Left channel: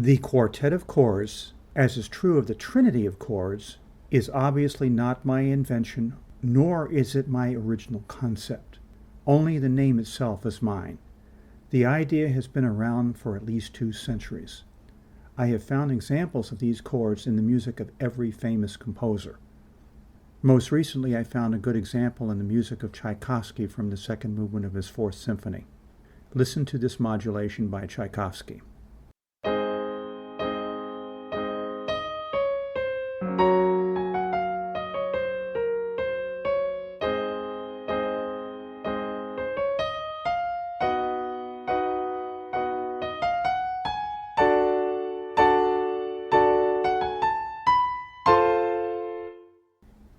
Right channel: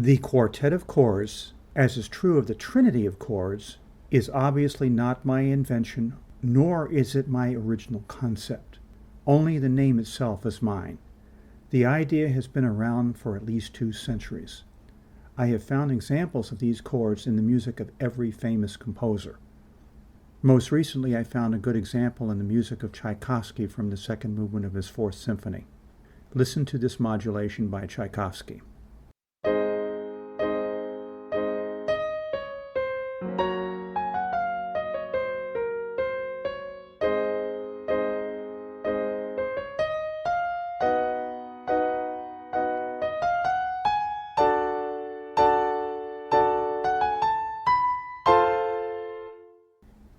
The quartet of chords, as is true of the trinity of chords, is obviously not my invention, nor is it my original concept. Only the name itself is mine. The idea has been around for at least 2 centuries. I have found examples of these chords in the music of every famous composer. Most recently, I found a good example in the music of Tchaikovsky from the second movement of his Fourth Symphony. Listen to this modulation by Tchaikovsky.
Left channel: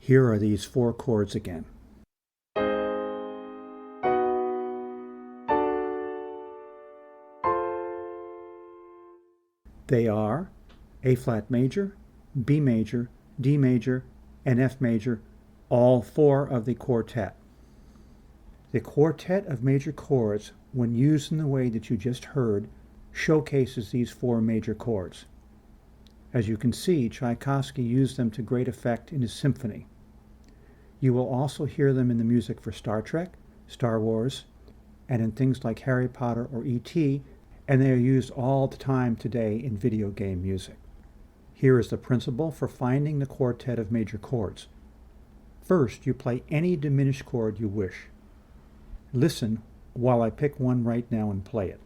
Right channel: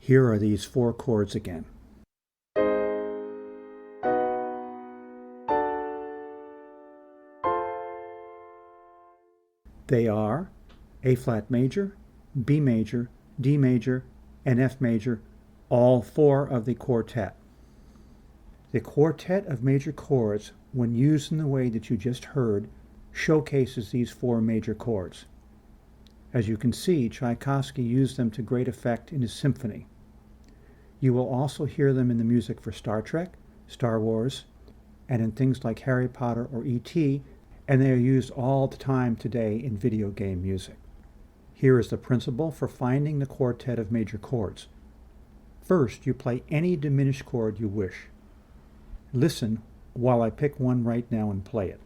Here are these 4 chords again. They are A flat major, B major, D major, and F major, all 4 of the quartet. The quartet of major chords, when used in the way that you just heard, showcases these 4 major chords. As you can see, Tchaikovsky used them to great effect in his symphony. You will also hear them in the music for Star Trek, Star Wars, and in things like Harry Potter or E.T., and they are used all the time today in video game music. Here is the principle for finding the quartet of major chords. First, you play any diminished chord you wish. Listen while I pick one right now and play it.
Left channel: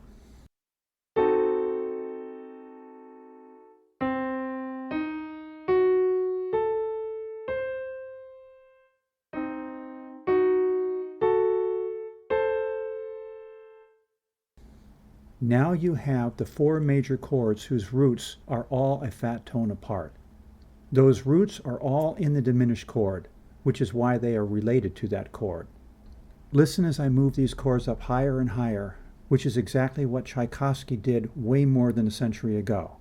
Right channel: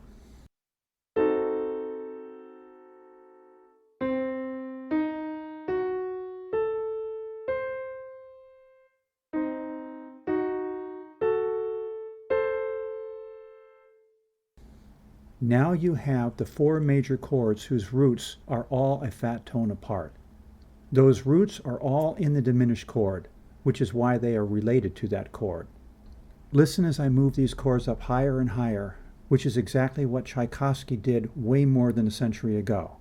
Now you have the 4 major chords whose roots are all a fat tone apart. Those roots are all in the diminished chord, which is why they are related to that chord. Listen as I move these chords up higher and higher, which is exactly what Tchaikovsky did way more than a century ago.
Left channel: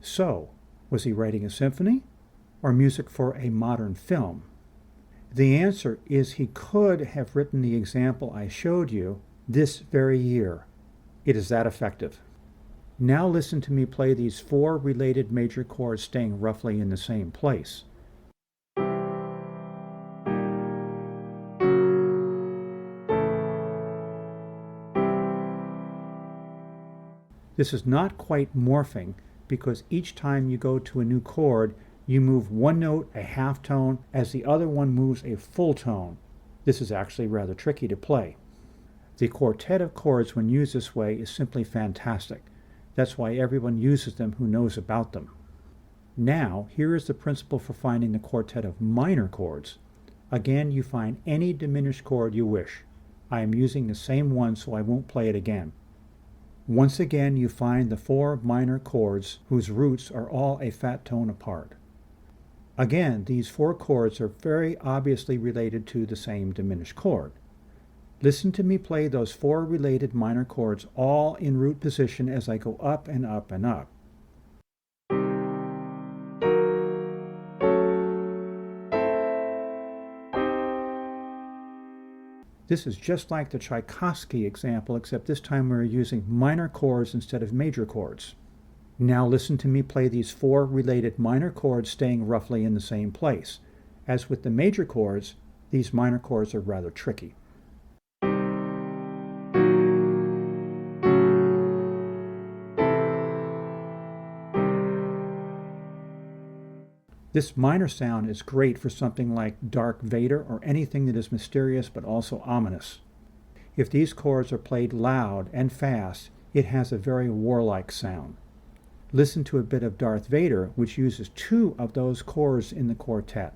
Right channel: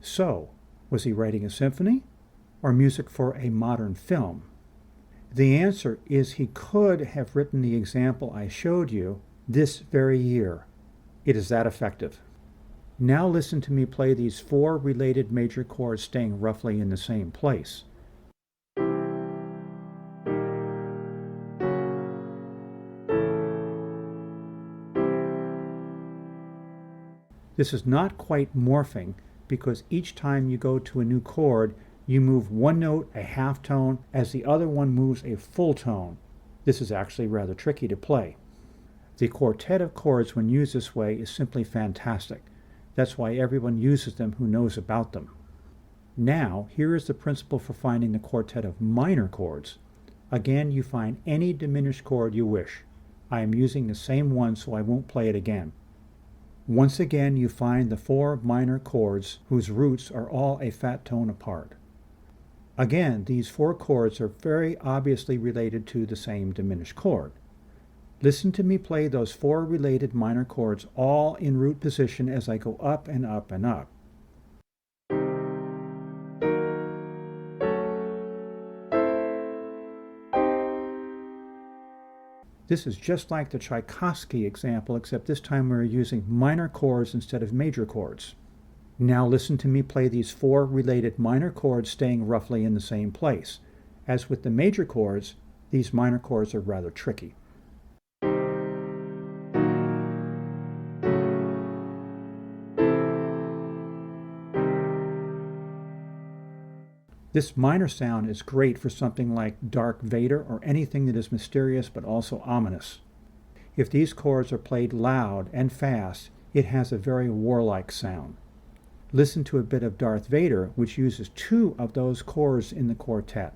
So, was he writing a symphony or music for a modern film? The answer is he could have written the example I showed you this very year. It is that effective. Now listen to me play these 4 related major chords staying roughly in the same place. This is not quite morphing, because each time you go to a new chord, you move one note a half tone as the other one moves a full tone. This is actually rather tricky to play. The quartet of chords, when used this way, is simply fantastic. That's why everyone uses them who knows about them. Now, here is the principle for finding the quartet of minor chords. Again, you find any diminished chord you wish. I am using the same one, so I won't play it again. Once again, you find the 4 minor chords whose roots are all a fat tone apart. Again, these 4 chords are very obviously related to the same diminished chord. Listen to me play those 4 related minor chords all in root position as I go up and up and up. This is just like the Tchaikovsky example, except this time we're using minor chords instead of major chords. Now listen to me play these 4 related minor chords staying roughly in the same place. As with the major chords, these minor chords are rather tricky. This minor sound is great for something like Dark Vader or anything that is mysterious but also ominous. If these chords are played loud and fast, it has a very warlike sound. Listen to a bit of Darth Vader, which uses 2 of those chords in the quartet.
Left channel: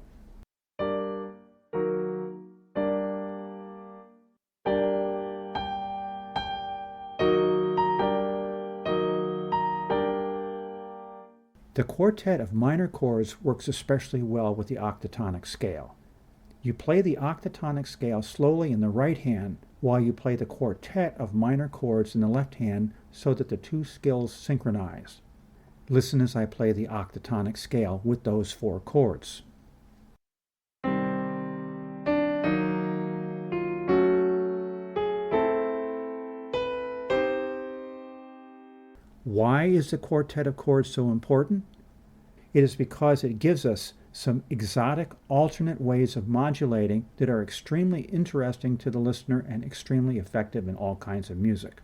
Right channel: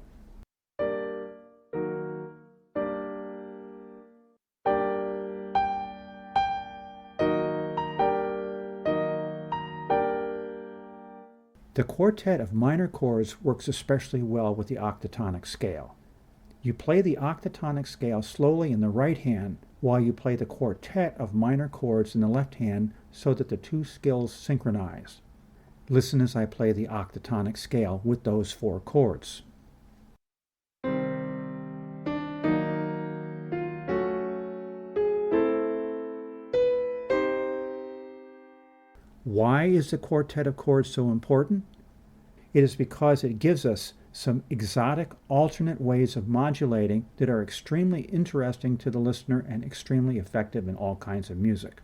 The quartet of minor chords works especially well with the octatonic scale. You play the octatonic scale slowly in the right hand while you play the quartet of minor chords in the left hand so that the two skills synchronize. Listen as I play the octatonic scale with those 4 chords. Why is the quartet of chords so important? It is because it gives us some exotic alternate ways of modulating that are extremely interesting to the listener and extremely effective in all kinds of music.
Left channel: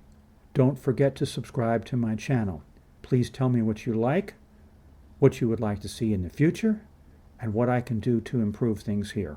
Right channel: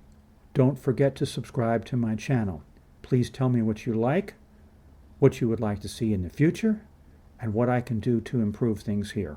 Don't forget to subscribe to my channel. Please tell me what you like, what you would like to see in the future, and what I can do to improve things here.